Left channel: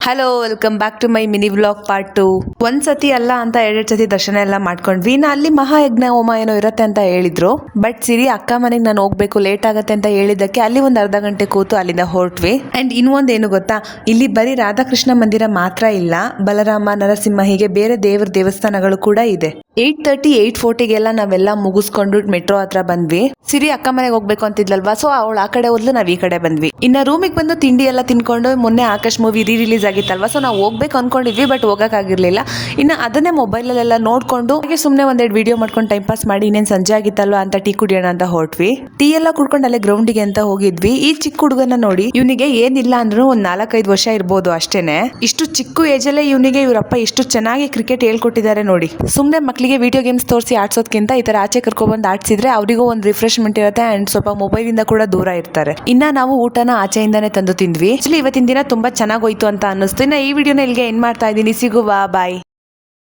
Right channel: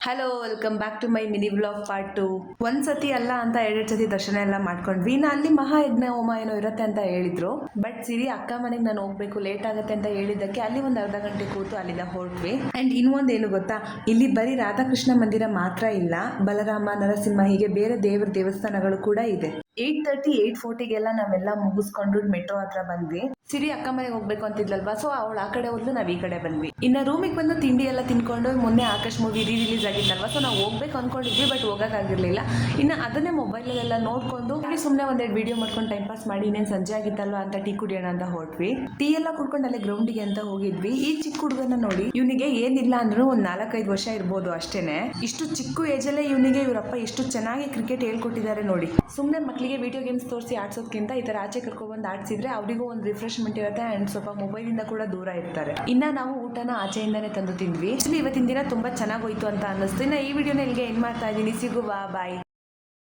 Hello, welcome back to my mini vlog part 2. ಒಂದ್ಸತಿ ಅಲ್ಲ ಅಂತ 2 ಸತಿ ದರ್ಶನ ಎಲ್ಲ ಮಾಡ್ಕೊಂಡ್ವಿ. ಅಲ್ಲಿ ಮಹಾಯಜ್ಞ ಹೋಮ ಏನೋ ಇರುತ್ತೆ ಅಂತ ಹೇಳಿದ್ರು. ಬಟ್ ಸಿರಿ ಅಕ್ಕ ಮನೆಗೆ ನಾನು ಹೋಗ್ಬೇಕು, ಲೇಟ್ ಆಗತ್ತೆ ಅಂತ ಹೇಳಿದ್ದಕ್ಕೆ ಅಲ್ಲಿ ಒಂದು ಅರ್ಧ ಗಂಟೆ ಕೂತು ಅಲ್ಲಿಂದ ಹೊರಟ್ವಿ. ಅಂಡ್ ಇನ್ನೊಂದೇನು ಗೊತ್ತಾ, ಇಲ್ಲಿ ಬರೀ ರಾಧಾಕೃಷ್ಣ ಮಂದಿರ ಮಾತ್ರ ಇಲ್ಲ, ಬಲರಾಮ, ನರಸಿಂಹ ಹೀಗೆ ಬೇರೆ ದೇವರ ದೇವಸ್ಥಾನಗಳು ಕೂಡ ಇದೆ. 8:30 8:40ಗೆಲ್ಲ ನಾವೆಲ್ಲ ಮುಗಿಸ್ಕೊಂಡು ಮೆಟ್ರೋ ಹತ್ರ ಬಂದ್ವಿ. ಸಿರಿ ಅಕ್ಕ ಮನೆಗೆ ಹೋಗ್ಬೇಕು ಅಂತಿದ್ಲಲ್ವಾ, ಸೊ ಅವಳು ಆ ಕಡೆ ಹೋದ್ಲು, ನಾವ್ ಈ ಕಡೆ ಬಂದ್ವಿ. ಇನ್ನ ರೂಮಿಗೆ ಬಂದು ತಿಂಡಿ ಎಲ್ಲ ತಿನ್ಕೊಂಡು, ಮೊನ್ನೆ ಆಕಾಶ್ ಮೂವಿ ರಿಲೀಸ್ ಆಗಿತ್ತಲ್ವಾ, ಸೊ ನಾವು ಹೋಗ್ಬೇಕು ಅನ್ಕೊಂಡಿದ್ವಿ, ಬಟ್ ಹೋಗಕ್ಕಾಗಿರ್ಲಿಲ್ಲ. ಇನ್ನು ಅದನ್ನೇ ಮೊಬೈಲಲ್ಲೆಲ್ಲ ನೋಡ್ಕೊಂಡು ಹಾಗೆ ಸುಮ್ಮನೆ ಒಂದೆರಡು ವಿಡಿಯೋ ಮಾಡ್ಕೊಂಡು ಟೈಮ್ ಪಾಸ್ ಮಾಡಿ, ಇನ್ನೇನು ಸಂಜೆ ಆಗಿತ್ತಲ್ವಾ ಅಂತ ಟೀ ಕುಡಿಯೋಣ ಅಂತ ಹೊರಟ್ವಿ. ಟೀ ಎಲ್ಲ ಕುಡ್ಕೊಂಡು ಅಲ್ಲೇ ಗ್ರೌಂಡಿಗೆ ಅಂತ ಹೋಗಿದ್ವಿ. ಈ ಚಿಕ್ಕ ಹುಡುಗನ ನೋಡಿ, ಇವನಿಗೆ ಏನಿಲ್ಲ ಅಂದ್ರೂ ಒಂದ್ 4-5 ವರ್ಷ ಇರ್ಬೋದು ಅಷ್ಟೇನೆ. ಇಷ್ಟು ಚಿಕ್ಕ ಏಜಲ್ಲೇ ಇವನಿಗೆ ಇವರಪ್ಪ ಎಷ್ಟು ಚೆನ್ನಾಗಿ ಕ್ರಿಕೆಟ್ ಹೇಳ್ಕೊಟ್ಟಿದ್ದಾರೆ ನೋಡಿ. ಸುಮ್ಮನೆ ಮಕ್ಕಳಿಗೆ ವಿಡಿಯೋ ಗೇಮ್ಸ್ ತೋರಿಸಿ ಆಡ್ಸೋದ್ಕಿಂತ ಈ ತರ ಆಚೆ ಕರ್ಕೊಬಂದು ಆಡ್ಸಿದ್ರೆ ಅವರಿಗೂ ಒಂದು ರಿಫ್ರೆಶ್ಮೆಂಟ್ ಇರುತ್ತೆ ಅಂಡ್ ಸ್ವಲ್ಪ ಮೊಬೈಲ್ ಇಂದ ಕೂಡ ದೂರ ಇರ್ತಾರೆ. ಇನ್ನ ನಾವು ಊಟನ ಆಚೆಯಿಂದಾನೇ ತಂದು ತಿಂದ್ವಿ. ಇವತ್ತಿನ ದಿನ ತುಂಬಾ ಚೆನ್ನಾಗಿ ಹೋಯ್ತು ಅಂತ ಅನ್ನಿಸ್ತು. ಇನ್ನ ಈ ವಿಡಿಯೋನ ಇಲ್ಲಿಗೆ ಎಂಡ್ ಮಾಡ್ತಾ ಇದ್ದೀನಿ. ಸಿಗುವ, ಬಾಯ್.